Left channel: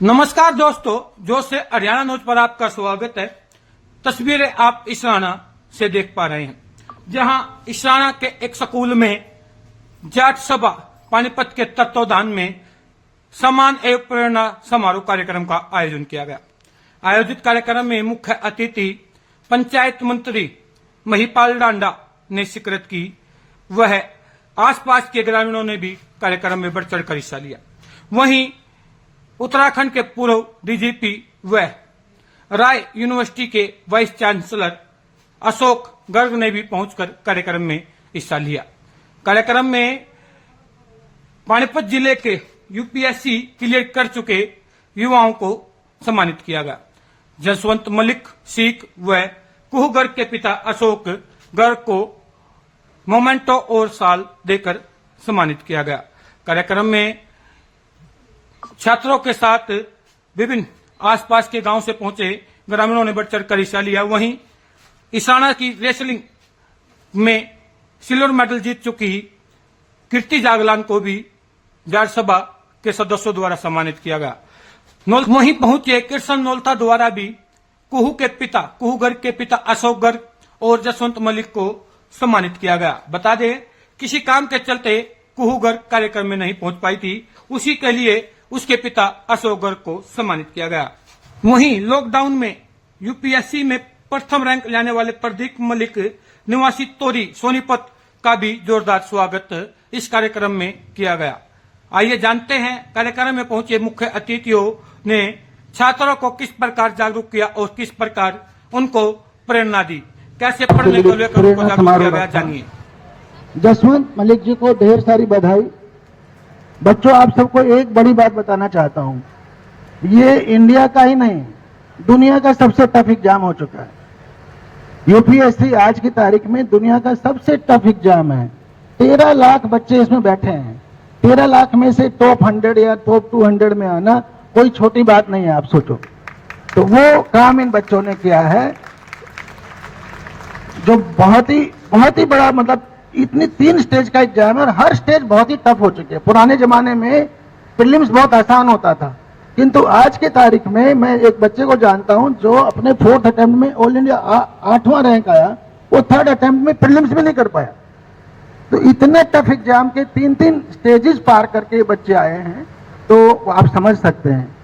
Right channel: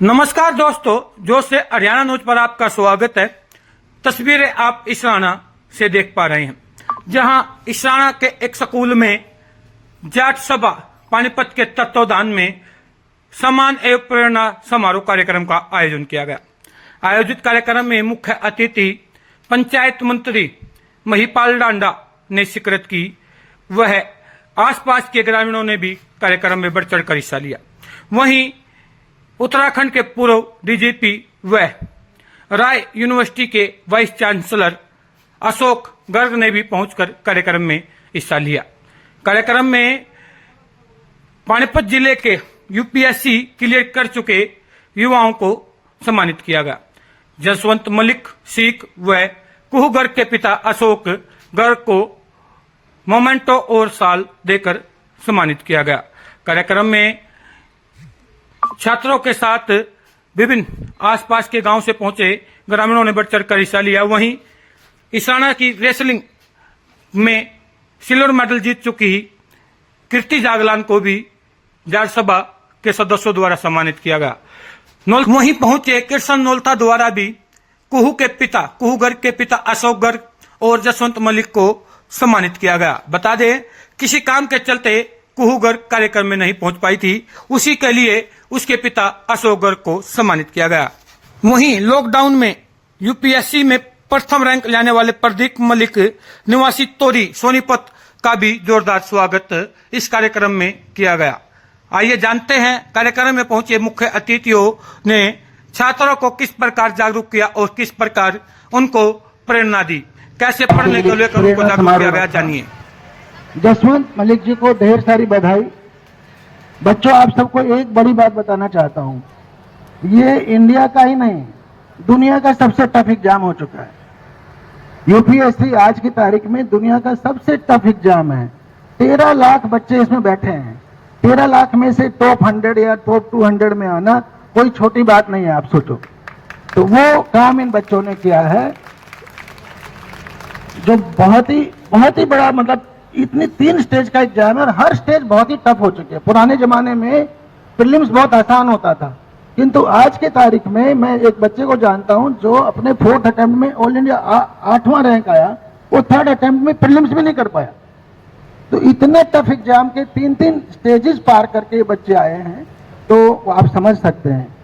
नमस्कार दोस्तों, जोश से हरियाणा न्यूज पर आपका स्वागत है। तस्वीरें आप इसराना से देख पा रहे हैं, जहां इसराना के एक स्कूल में जाट सभा पानीपत के तत्वावधान में सम्मान एवं प्रेरणा समारोह कार्यक्रम का आयोजन किया गया। आयोजित कार्यक्रम में मुख्य अतिथि पंचायत मंत्री महिपाल डांडा ने शिरकत की। वह आसपास के ग्रामीणों ने भी कार्यक्रम में बढ़ चढ़कर हिस्सा लिया। वहीं उत्तराखंड के पूर्व डीजीपी व राय यूनिवर्सिटी के वाइस चांसलर अशोक गर्ग ने भी पहुंचकर कार्यक्रम में हिस्सा लिया। कार्यक्रम में पानीपत जिले के यूपीएससी क्लियर कर चुके युवाओं को सम्मानित किया गया। जसवंत मलिक सिख व कुहू गर्ग के पिता अशोक गर्ग को मोमेंटो और साल देकर सम्मानित किया गया। कार्यक्रम में छात्रों के साथ विभिन्न आसपास के गांव से पहुंचे ग्रामीणों ने बढ़ चढ़कर हिस्सा लिया। वहीं इसराना की रेसलिंग में सिल्वर मेडल जीत चुकी कीर्ति जागलान को भी जाट सभा के सदस्यों द्वारा सम्मानित किया गया। वहीं पहुंचे कृष्ण नोलता द्वारा भी कुहू गर्ग के पिता अशोक गर्ग और जसवंत मलिक को सम्मानित किया गया। बता दें, किसी काम के चलते कुहू गर्ग कार्यक्रम में नहीं पहुंच पाई थी, उसी के लिए उसके पिता अशोक गर्ग को सम्मानित किया गया। वहीं लॉकडाउन में यूपीएससी में प्रथम रैंक लेने वाले प्रदीप मलिक निवासी तोरी सोनीपत का भी जोरदार स्वागत इस कार्यक्रम में किया गया। आइए जानते हैं कार्यक्रम में पहुंचे मुख्य अतिथियों ने छात्रों को किस प्रकार जागरूक किया और किस प्रकार उनको प्रेरणा दी, कैसे पढ़ने को लेकर उनको जागरूक किया गया। जानिए। जसवंत मलिक जी को ढेर सारी बधाई। बच्चों, आप सबको एक बड़ी बात बताना चाहता हूं, ये इंडिया का ही नहीं दुनिया का सबसे टफ एग्जाम हो चुका है। यूपीएससी आज की तारीख में दुनिया का सबसे टफ एग्जाम है। 13 लाख बच्चे इसमें बैठे हैं। 13 लाख में से टॉप 100 या टॉप 200 में आना कोई छोटी बात नहीं है, आप सोचो। तो वो काम इन बच्चों ने किया है जो बहुत ही बड़ा, मतलब इतनी 3 स्टेज का एग्जाम है और हर स्टेज बहुत ही टफ हो चुकी है। पुराने जमाने में प्रीलिम्स बहुत आसान होता था, किंतु आज के तारीख में मैं एक बच्चे को जानता हूं जो अपने 4th अटेम्प्ट में ऑल इंडिया 8वां रैंक आया, वो 3rd अटेम्प्ट में प्रीलिम्स भी नहीं कर पाया। तो इतने टफ एग्जाम के 3 स्टेजेस पार करके बच्चे आए हैं, तो आप समझ सकते हैं।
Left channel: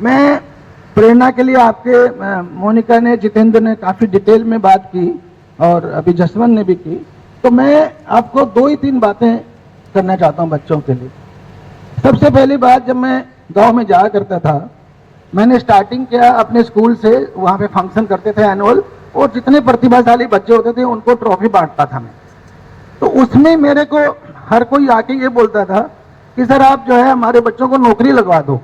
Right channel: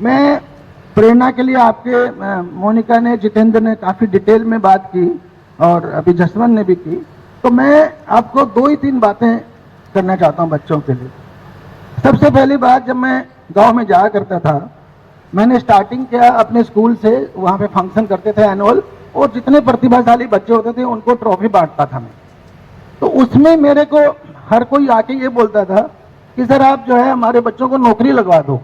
मैं प्रेरणा के लिए आपके मोनिका ने, जितेंद्र ने काफी डिटेल में बात की और अभी जसवंत ने भी की, तो मैं आपको 2 ही 3 बातें करना चाहता हूं बच्चों के लिए। सबसे पहली बात, जब मैं गांव में जाया करता था, मैंने स्टार्टिंग किया अपने स्कूल से। वहां पे फंक्शन करते थे एनुअल, और जितने प्रतिभाशाली बच्चे होते थे उनको ट्रॉफी बांटता था मैं। तो उसमें मेरे को हर कोई आके ये बोलता था कि सर आप जो है हमारे बच्चों को नौकरी लगवा दो।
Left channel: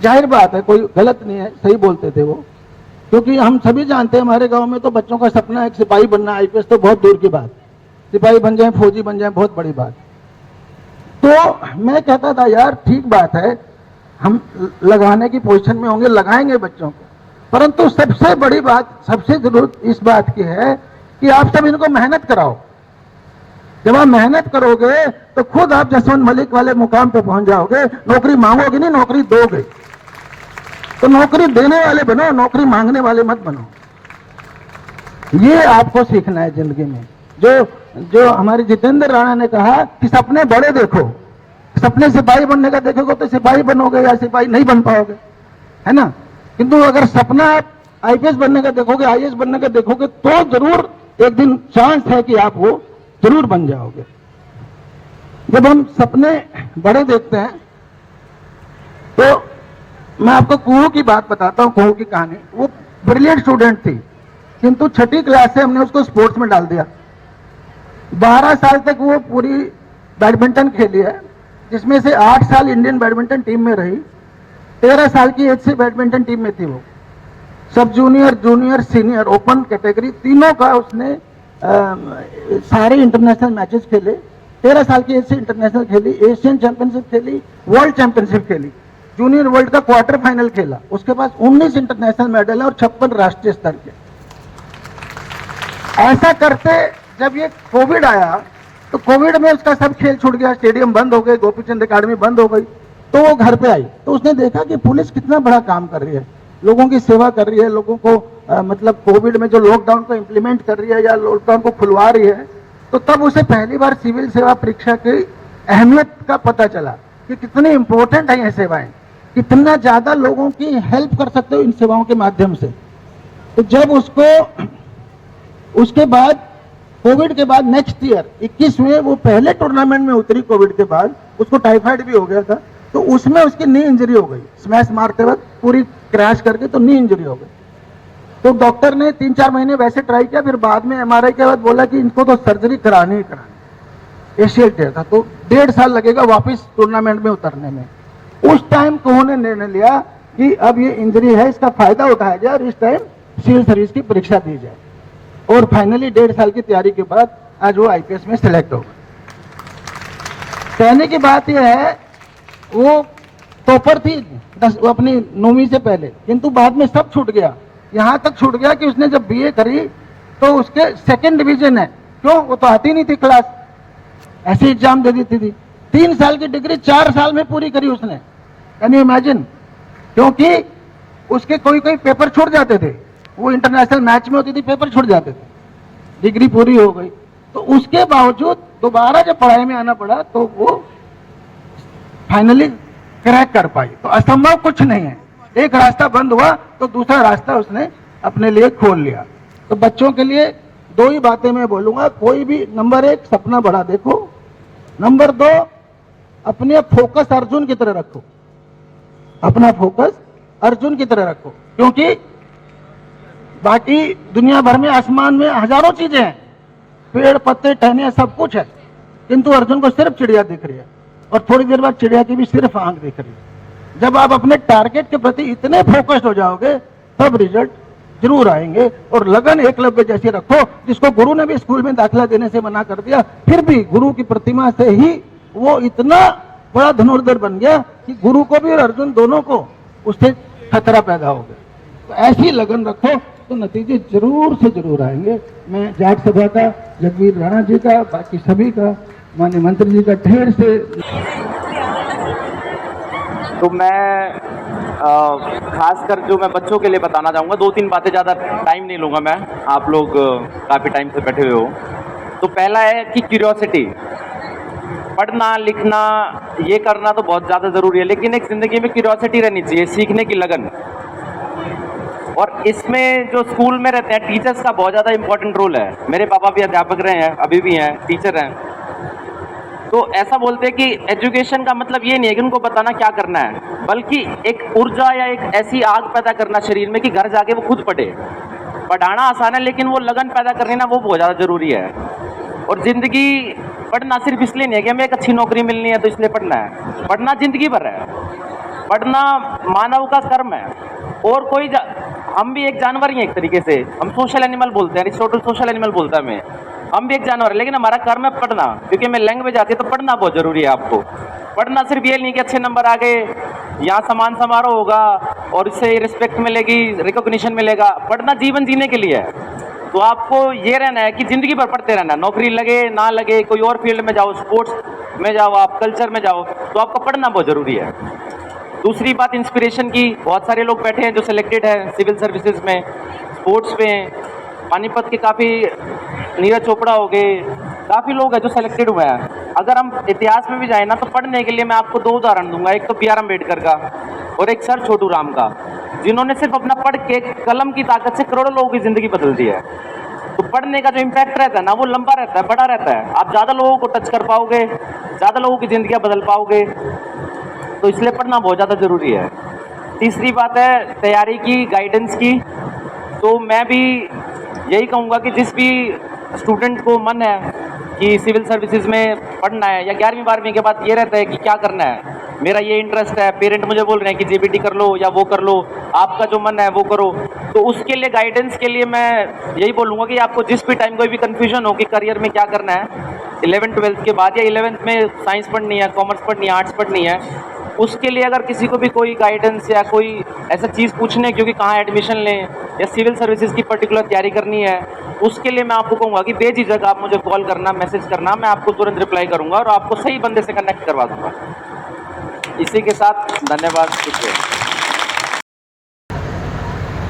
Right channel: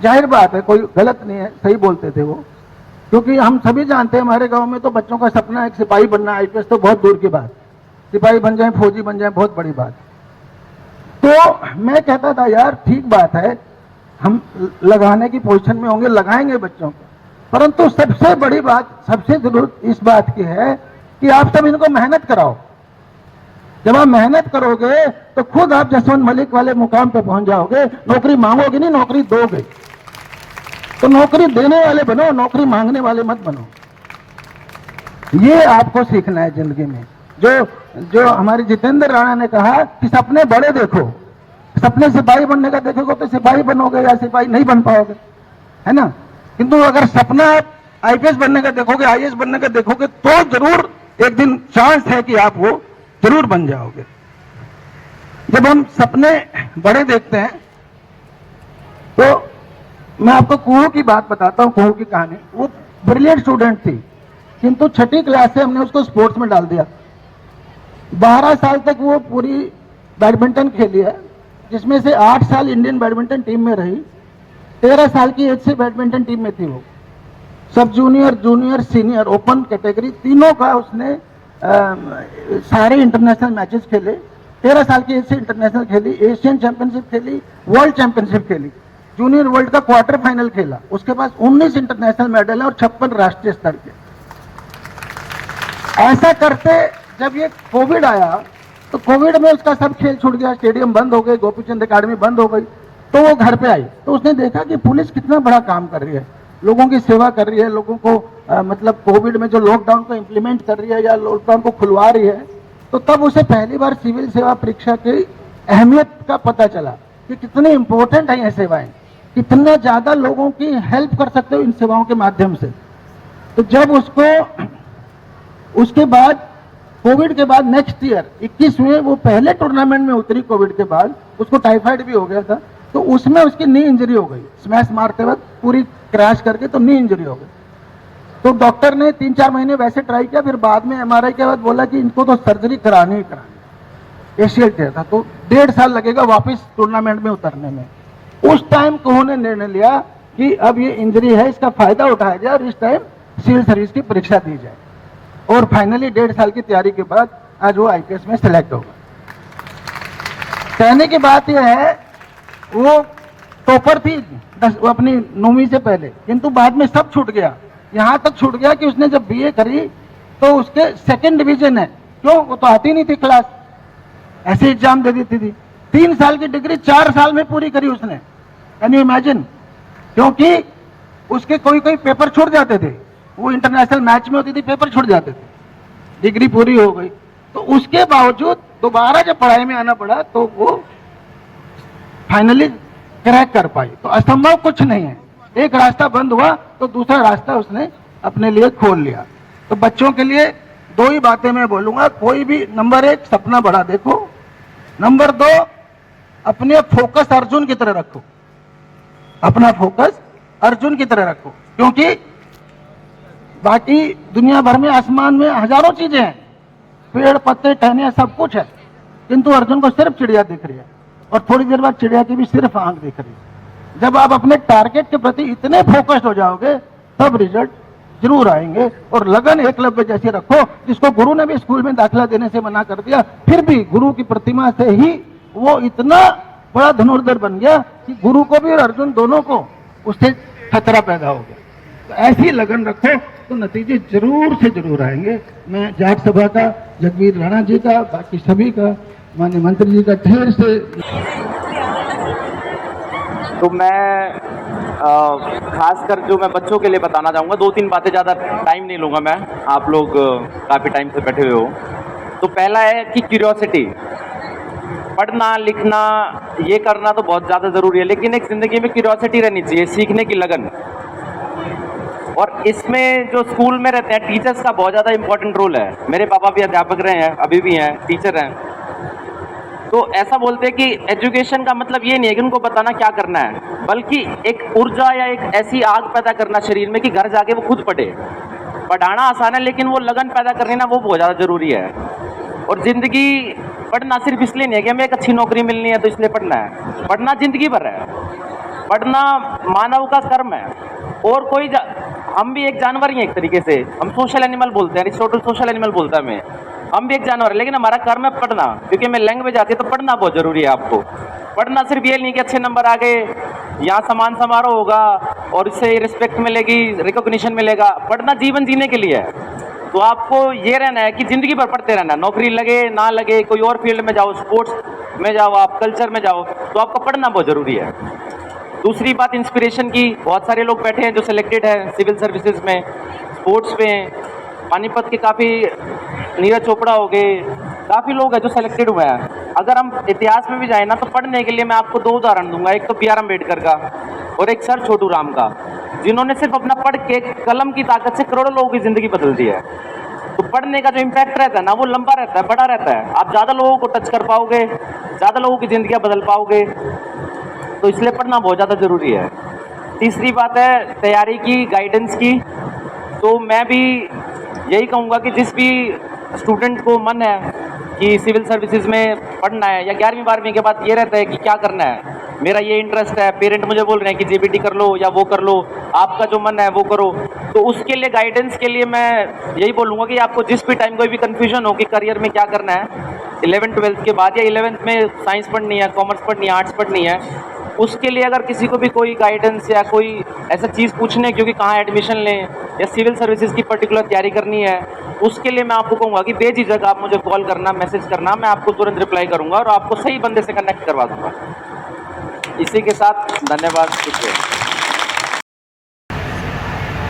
जाहिर बात है, कोई गलत नहीं है, सही बोलते थे वो, क्योंकि हम सभी जानते हैं हमारे गांव में तो बच्चों का सपना एक सिपाही बनना, आईपीएस तो बहुत दूर की बात, सिपाही बन जाए, फौजी बन जाए, बहुत बड़ी बात। तो मैं कहता था यार ठीक बात है, हम लगाने की पोजीशन में होंगे, लगाएंगे बच्चों को, परंतु सबसे बड़ी बात, सबसे जरूरत इस बात की है कि आप सब इनको मेहनत कराओ। जब आप मेहनत करोगे तो खुद आप जसवंत मलिक वाले मुकाम पे पहुंच जाओगे। नौकरी मांगोगे नहीं, नौकरी दोगे। तो नौकरी देने वाले बनो, नौकरी मांगने वाले मत बनो। ये आपको सीखना है जिंदगी में। जो हमारे जितेंद्र राणा ने कहा कि सपने बड़े देखो, सपने सिपाही बनने का देखोगे तो सिपाही बनोगे या सिपाही नहीं बन पाओगे, है ना। किंतु अगर सपना आप आईपीएस बनने का देखोगे, आईएएस बनने का देखोगे, तो जरूर एक दिन चांस है कि आप वो जरूर बन जाओगे। जब हम सपने बड़े देखते हैं तो मैं आपको कुहू की बात बताता हूं, कुहू की कहानी। वो ब्रिलियंट स्टूडेंट थी, किंतु 6ठी क्लास से हमने उसको स्पोर्ट्स में डाल दिया। 12 साल तक वो पूरी बैडमिंटन खेली है, जिसमें से 8 साल इंडियन बैडमिंटन टीम में रही। 13 साल की एज से बैडमिंटन टीम में थी वो। सब junior, junior, senior, open category तीनों का उसने सारे इंटरनेशनल मैचेस खेले। 13 साल की एज से इंटरनेशनल खेली, एशियन चैंपियनशिप खेली, वर्ल्ड चैंपियनशिप खेली, जूनियर वर्ल्ड का क्वार्टर फाइनल खेला। उसके पास 19 इंटरनेशनल मेडल है और 56 राष्ट्रीय स्तर के। ऐसा करते जब ये कोविड आया तो कोविड में उसका सब खेल छूट गया, स्टेडियम बंद हो गए, गोपीचंद अकादमी बंद हो गई। तो वो घर पे आई, तो उसने देखा कि पुलिस कितना बड़ा काम कर रही है, लोगों की सेवा कर रही है, लोगों को मतलब कोविड में जो लॉकडाउन को इम्प्लीमेंट कर रही है या लॉकडाउन को खुलवा रही है। तो तब उसे पहली बार सिविल सेवा परीक्षा की अहमियत का पता चला कि कितनी इंपॉर्टेंट है ये सेवाएं, कितना ज्यादा लोगों की हेल्प कर सकते हो इन सेवाओं के माध्यम से। तो जब उसके बाद कोविड के बाद नेक्स्ट ईयर 21 में वो पहले टूर्नामेंट में उतरी, कोविड के बाद उसको टाइफाइड भी हो गया था, तो उसमें उसकी नी इंजरी हो गई, स्मैश मारते वक्त पूरी क्रैश करके तो नी इंजरी हो गई। तो डॉक्टर ने 3-4 महीने वैसे ट्राई किया, फिर बाद में एमआरआई के बाद बोला कि इनको तो सर्जरी करानी ही करानी, एशियल टेयर था, तो 1.5 साल लगेगा वापस टूर्नामेंट में उतरने में। उस टाइम उन्होंने निर्णय लिया कि अब ये इंजरी है, इसका फायदा उठाया जाए और इस टाइम सिविल सर्विस की परीक्षा दी जाए। और फाइनली 1.5 साल की तैयारी के बाद आज वो आईपीएस में सिलेक्ट हो गया। कहने की बात यह है, वो टॉपर थी वो अपनी 9वीं से पहले, किंतु बाद में सब छूट गया, यहां तक छूट गया कि उसने जब बीए करी तो उसके 2nd डिवीजन है। क्यों? वो तो आती नहीं थी क्लास, ऐसे एग्जाम दे देती थी। 3 साल की डिग्री 4 साल में पूरी करी उसने, कैन यू इमेजिन? क्योंकि उसके कोई कोई पेपर छूट जाते थे, वो इंटरनेशनल मैच में होती थी, पेपर छूट जाते थे, डिग्री पूरी हो गई। तो उसके बावजूद दोबारा जब पढ़ाई में आना पड़ा तो वो फाइनली क्रैक कर पाई। तो असंभव कुछ नहीं है, एक रास्ता बंद हुआ तो दूसरा रास्ता उसने अपने लिए खोल लिया। तो बच्चों के लिए 2 ही बातें मैं बोलूंगा, कोई भी नंबर 1 सपना बड़ा देखो, नंबर 2 अपने फोकस अर्जुन की तरह रखो, अपना फोकस अर्जुन की तरह रखो, क्योंकि बाकी दुनिया भर में आसमान में हजारों चीजें हैं, पेड़ पत्ते टहनियां सब कुछ है, किंतु अर्जुन को सिर्फ चिड़िया दिख रही है और थोड़ी देर बाद चिड़िया की भी सिर्फ आंख दिख रही है। जब आप अपने टारगेट के प्रति इतने फोकस्ड हो जाओगे तब रिजल्ट जरूर आएंगे। और लगन एकलव्य जैसी रखो, जिसको गुरु ने भी स्कूल में दाखिला देने से मना कर दिया, फिर भी गुरु की प्रतिमा से ही वो इतना बड़ा धनुर्धर बन गया कि गुरु को भी और अर्जुन दोनों को उससे खतरा पैदा हो गया। तो ऐसी लगन रखो तो नतीजे जरूर से जरूर आएंगे। मैं जाट सभा का, जगवीर राणा जी का, बाकी सभी का, माननीय मंत्री जी का ढेर से। तो मैं खासकर जो मैं बच्चों के लिए बताना चाहूँगा, 2-3 बातें, ज़्यादा टाइम नहीं लूँगा मैं, आप लोग काफ़ी टाइम से बैठे हुए हो। तो पहला है कि क्यूरियोसिटी, पढ़ना लिखना ये करना तो बहुत ज़्यादा ज़रूरी है, लेकिन एक ज़िंदगी में क्यूरियोसिटी रहनी चाहिए, सीखने की लगन। और इसमें जो स्कूल में रहते हैं टीचर्स का बहुत ज़्यादा इंपॉर्टेंट रोल है। मेरे पापा भी अध्यापक रहे हैं, अभी भी हैं, टीचर हैं। तो ऐसा बोलते हैं कि एजुकेशन का मतलब ये नहीं है कि उनको बताना क्या करना है, बल्कि एक ऊर्जा या एक ऐसी आग पैदा करना शरीर में कि घर जाके वो खुद पढ़े। पढ़ाना आसान है, लेकिन वो लगन पैदा करनी ना, वो बहुत ज़्यादा ज़रूरी है। और ज़िंदगी पढ़ना सिर्फ इसलिए नहीं है कि हमें एक अच्छी नौकरी मिलनी है तो इसलिए पढ़ना है। पढ़ना ज़िंदगी भर है, पढ़ना मानव का कर्म है। और कोई हम भी एक जानवर ही हैं एक तरीके से, हम सोशल एनिमल बोलते हैं, अरिस्टोटल सोशल एनिमल बोलता है हमें, हम भी एक जानवर है, लेकिन हमारा कर्म है पढ़ना। क्योंकि हमें लैंग्वेज आती है तो पढ़ना बहुत ज़रूरी है। आपको पढ़ना सिर्फ ये नहीं कि अच्छे नंबर आ गए, यहाँ सम्मान समारोह होगा और इससे रिस्पेक्ट मिलेगी, रिकॉग्निशन मिलेगा। पढ़ना जीवन जीने के लिए है। तो आपको ये रहना है कि ज़िंदगी भर पढ़ते रहना, नौकरी लगे ना लगे, कोई और फील्ड में जाओ, स्पोर्ट्स में जाओ, आप कल्चर में जाओ, तो आपको पढ़ना बहुत ज़रूरी है। दूसरी बात इंस्पिरेशन की, बहुत सारे लोग बैठे हैं जो सिलेक्टेड हैं सिविल सर्विसेज में, स्पोर्ट्स में, पानीपत के काफ़ी, नीरज चोपड़ा हो गए, काफ़ी लोग हैं जो सिलेक्टेड हुए हैं। अगर हम इतिहास में भी जाए ना तो पढ़ने के लिए मैं आपको 2 उदाहरण दूंगा, एक तो बी आर अम्बेडकर का और एक सर छोटू राम का, जिन्होंने सिर्फ अपना पढ़ के कलम की ताकत से करोड़ों लोगों की ज़िंदगी बदल दी है। तो पढ़ने का जो इम्पैक्ट रहता है ना, वो लंबा रहता है, बड़ा रहता है। आप ज़्यादा लोगों को टच कर पाओगे, ज़्यादा लोगों की ज़िंदगियाँ बदल पाओगे, तो इसलिए पढ़ना बहुत ज़्यादा ज़रूरी है। तीसरी बात है तैयारी की, गाइडेंस की। तो मैं भी यही कहूँगा कि जिस भी स्टूडेंट को मन है कि सिविल सर्विसेज में पढ़ना है, या 11वीं 12वीं के बाद ये रहता है कि क्या करना है, मेरा ये इंटरेस्ट है, पेरेंट मुझे बोल रहे हैं कि जेबीटी कर लो या वो कर लो, आपका जो मन है वो करो, तो उसके लिए गाइडेंस के लिए मैं यही बोलूँगा कि आपको जिस भी टाइम कोई भी कन्फ्यूजन हो कि करियर में क्या करना है 11th-12th के बाद, या 11th में साइंस पढ़नी है, कॉमर्स पढ़नी है, आर्ट्स पढ़नी है, उसके लिए अगर किसी को भी कोई गाइडेंस या कोई ऐसा चीज़ पूछने है क्योंकि कहाँ एडमिशन लें या सिविल सर्विसेज की पर्टिकुलर तैयारी करनी है, उसके लिए मैं आपको कहूँगा कि बेझिझक आप मुझे कॉल करना, मैसेज करना, मैं आपको तुरंत रिप्लाई करूँगा और आपको सही बंदे से कनेक्ट करवा दूँगा। इसी के साथ धन्यवाद, शुक्रिया।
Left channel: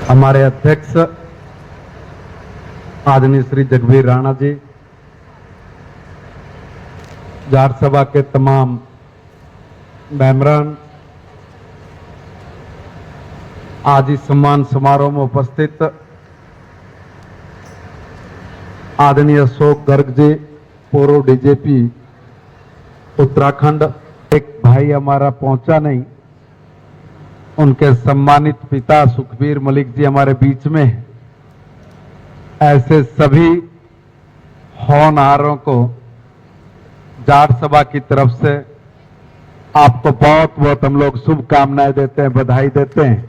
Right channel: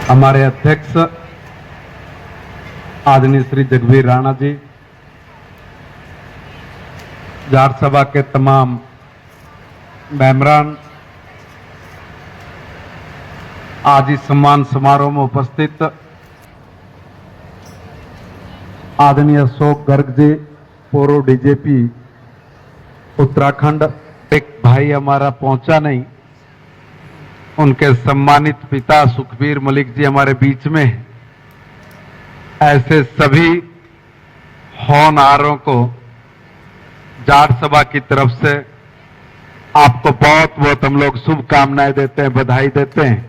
हमारे अध्यक्ष आदरणीय श्री जगबीर राणा जी, जाट सभा के तमाम मेंबरान, आज इस सम्मान समारोह में उपस्थित आदरणीय अशोक गर्ग जी, पूर्व डीजीपी उत्तराखंड, एक भाई हमारा पहुंचा नहीं, उनके सम्मानित पिता सुखबीर मलिक जी हमारे बीच में हैं। ऐसे सभी होनहारों को जाट सभा की तरफ से आपको बहुत बहुत हम लोग शुभकामनाएं देते हैं, बधाई देते हैं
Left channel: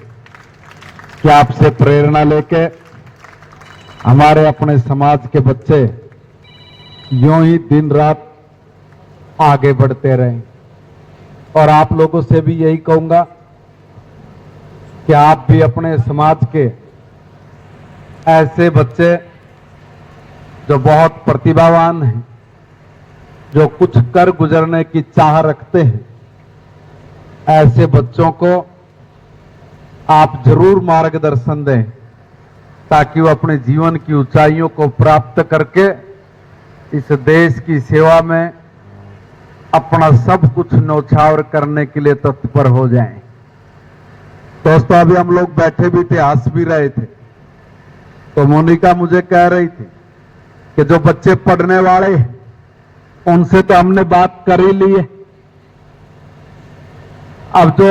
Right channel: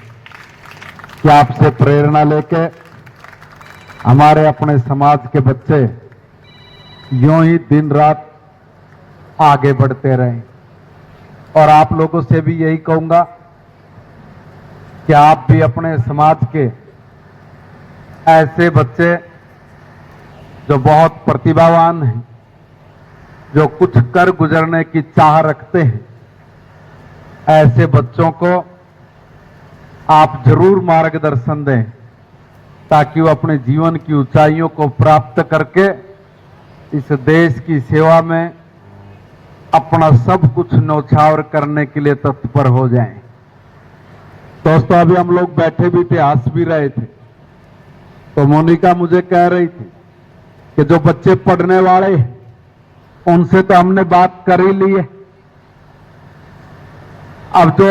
कि आपसे प्रेरणा लेके हमारे अपने समाज के बच्चे यूं ही दिन रात आगे बढ़ते रहें। और आप लोगों से भी यही कहूंगा कि आप भी अपने समाज के ऐसे बच्चे जो बहुत प्रतिभावान हैं, जो कुछ कर गुजरने की चाह रखते हैं, ऐसे बच्चों को आप जरूर मार्गदर्शन दें ताकि वो अपने जीवन की ऊंचाइयों को प्राप्त करके इस देश की सेवा में अपना सब कुछ न्यौछावर करने के लिए तत्पर हो जाएं। दोस्तों, अभी हम लोग बैठे भी थे, हंस भी रहे थे, तो मोनिका मुझे कह रही थी कि जो बच्चे पढ़ने वाले हैं उनसे तो हमने बात कर ही ली है, अब जो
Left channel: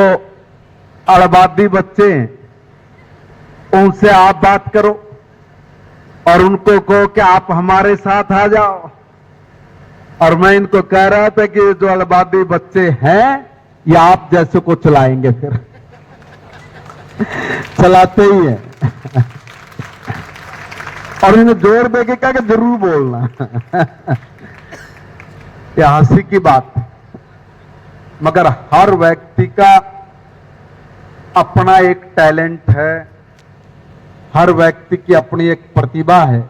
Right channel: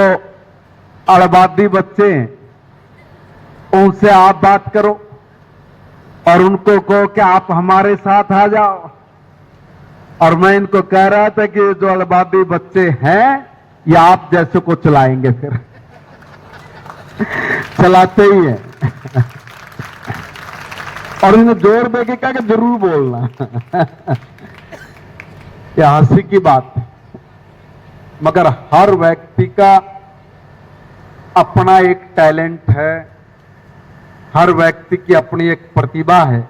अड़बादी बच्चे हैं उनसे आप बात करो और उनको कहो कि आप हमारे साथ आ जाओ। और मैं इनको कह रहा था कि जो अड़बादी बच्चे हैं ये आप जैसे को चलाएंगे, फिर चलाते ही हैं। और इन्हें जोर देके कहा कि जरूर बोलना। यह हंसी की बात है, मगर हर व्यक्ति का अपना एक टैलेंट है, हर व्यक्ति की अपनी एक प्रतिभा है।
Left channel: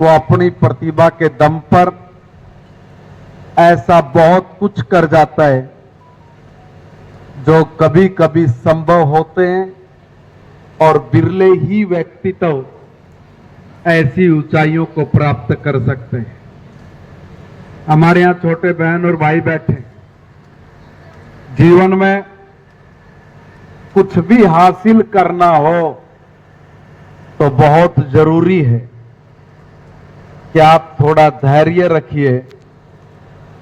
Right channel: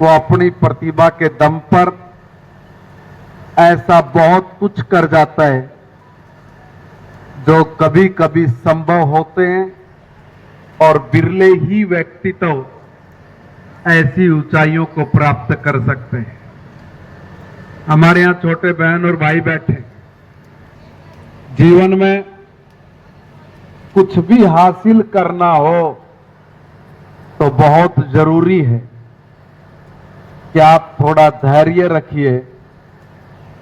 वो अपनी प्रतिभा के दम पर ऐसा बहुत कुछ कर जाता है जो कभी कभी संभव होते हैं और बिरले ही व्यक्ति तो ऐसी ऊंचाइयों को प्राप्त कर सकते हैं। हमारे यहां छोटे बहन और भाई बैठे, जीवन में कुछ भी हासिल करना हो तो बहुत जरूरी है कि आप थोड़ा धैर्य रखिए,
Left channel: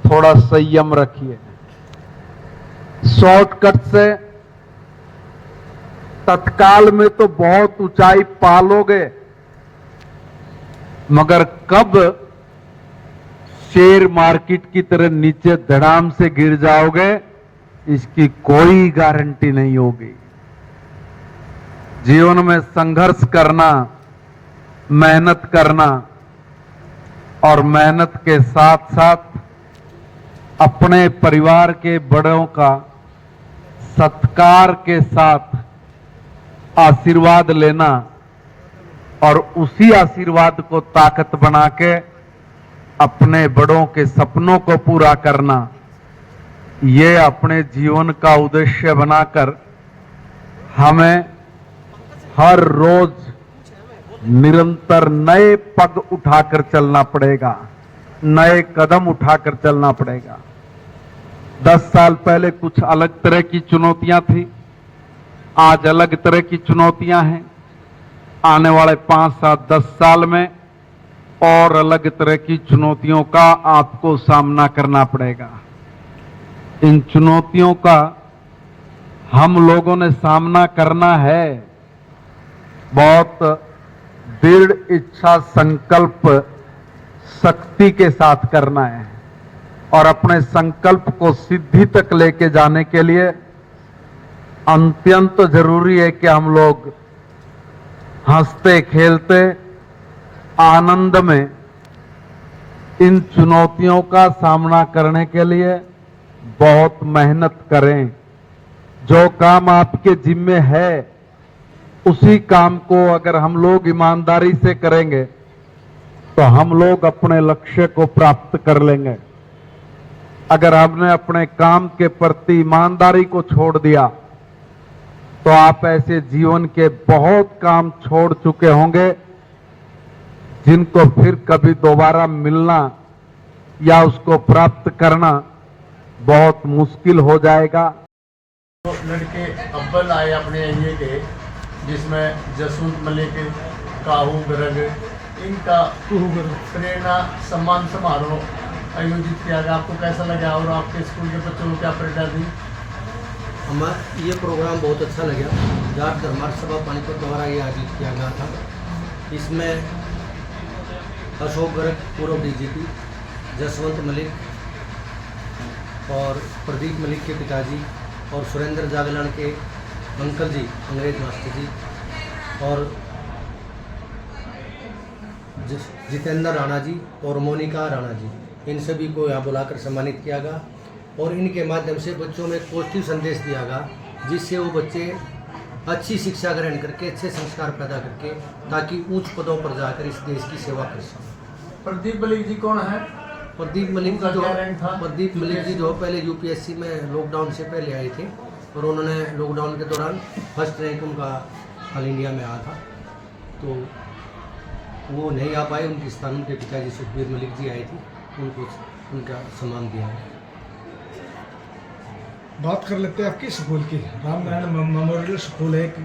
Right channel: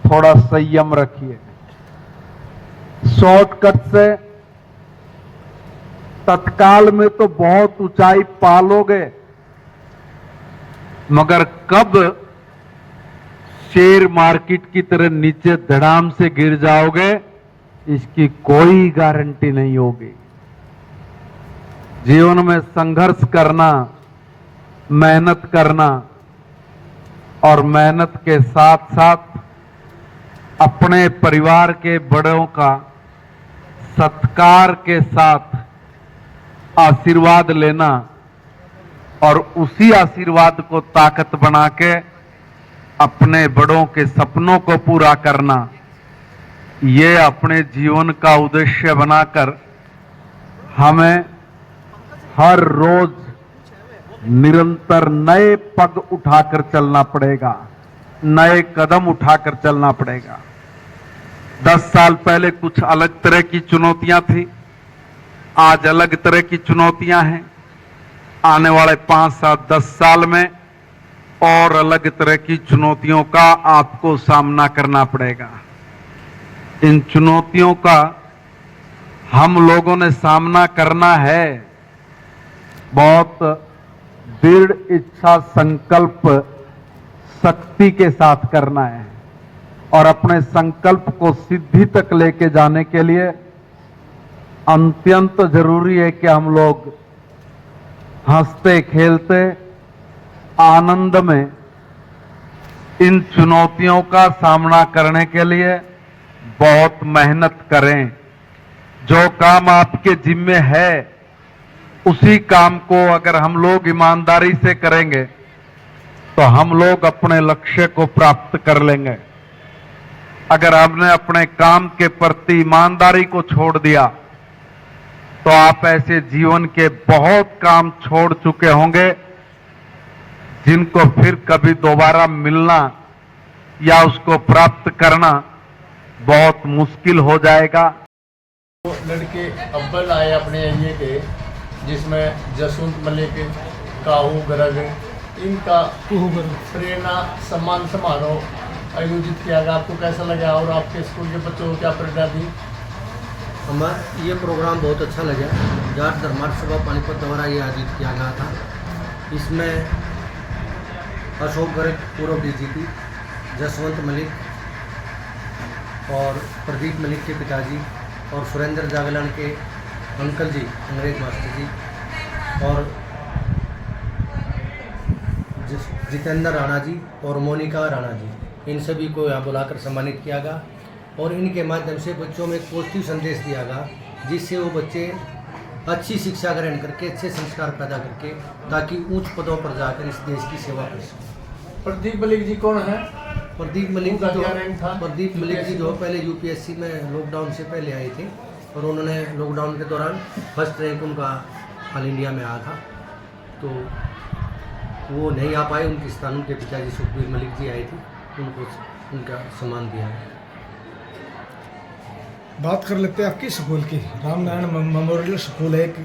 थोड़ा संयम रखिए। शॉर्टकट से तत्काल में तो बहुत ऊंचाई पालोगे, मगर कब शेयर मार्केट की तरह नीचे धड़ाम से गिर जाओगे इसकी कोई गारंटी नहीं होगी। जीवन में संघर्ष करना, मेहनत करना और मेहनत के साथ साथ अपने परिवार के बड़ों का सत्कार के साथ आशीर्वाद लेना और उसी आशीर्वाद को ताकत बना के अपने बड़ों के सपनों को पूरा करना, ये अपने जीवन का उद्देश्य बनाकर हमें हर रोज निरंतर नए पग उठाकर चलना पड़ेगा, नए कदम उठाकर चलना पड़ेगा। 10 साल पहले कुछ अलग तरह की चुनौतियां थी, आज अलग तरह की चुनौतियां हैं। आने वाले 5, 7, 10 साल में और अलग तरह की चुनौतियों का आपको सामना करना पड़ेगा। इन चुनौतियों का हम लोगों ने सामना करना है, बहुत दृढ़ इच्छा संकल्प शक्ति के साथ करना है और अपने संकल्प को सिद्धि तक लेके जाने के लिए अत्यंत जरूरी है कि हम लोग हंसते खेलते आनंद में इन चुनौतियों का सामना करने के लिए बहुत मेहनत करें। जो काम आपके जिम्मे है उसी काम को अगर हम लोग ईमानदारी से करेंगे तो हम लोग अपने लक्ष्य को प्राप्त कर लेंगे। अगर आपने अपने काम के प्रति ईमानदारी को छोड़ दिया तो आप ऐसे जीवन के बहुत काम छोड़ चुके होंगे जिनको फिर कभी दोबारा मिलना या उसको प्राप्त करना बहुत मुश्किल हो जाएगा। तो लड़के अव्वल आए अपने एरिए के, जिसमें जसवंत मलिक, काहू गर्ग, इनका प्रेरणा सम्मान समारोह आयोजित किया गया। आपको कैसा लगा और आपके स्कूल के बच्चों को क्या प्रेरणा दी? हमें ये प्रोग्राम बहुत अच्छा लगा। जाट धर्मार्थ सभा पानीपत द्वारा ये आयोजित किया गया था। इसमें अशोक गर्ग पूर्व डीजीपी, जसवंत मलिक और प्रदीप मलिक के पिताजी और सुरेंद्र जागलान के अंकल जी, अंग्रेज मास्टर जी, और जितेंद्र राणा जी और मोनिका राणा जी, इन सभी को यहाँ बुलाकर सम्मानित किया गया और इनके माध्यम से बच्चों में एक पॉजिटिव संदेश दिया गया, जिससे वो बच्चे अच्छी शिक्षा ग्रहण करके अच्छे संस्कार पैदा करके ताकि उच्च पदों पर जाकर इस देश की सेवा कर सकें। प्रदीप मलिक जी कौन है? प्रदीप मलिक जी उनका क्या रैंक था? प्रदीप मलिक जी जो पहले यूपीएससी में लॉकडाउन से पहले आए थे और उन्होंने लॉकडाउन के दौरान फर्स्ट रैंक उनका ऑल इंडिया में आया था, तो वो नहीं आ पाए। उनके स्थान उनके पिताजी सुखबीर मलिक जी आए थे, उनको उनका सम्मान दिया है। बात कर लेते हैं आपकी स्कूल की। रामनारायण मेमोरियल स्कूल है एक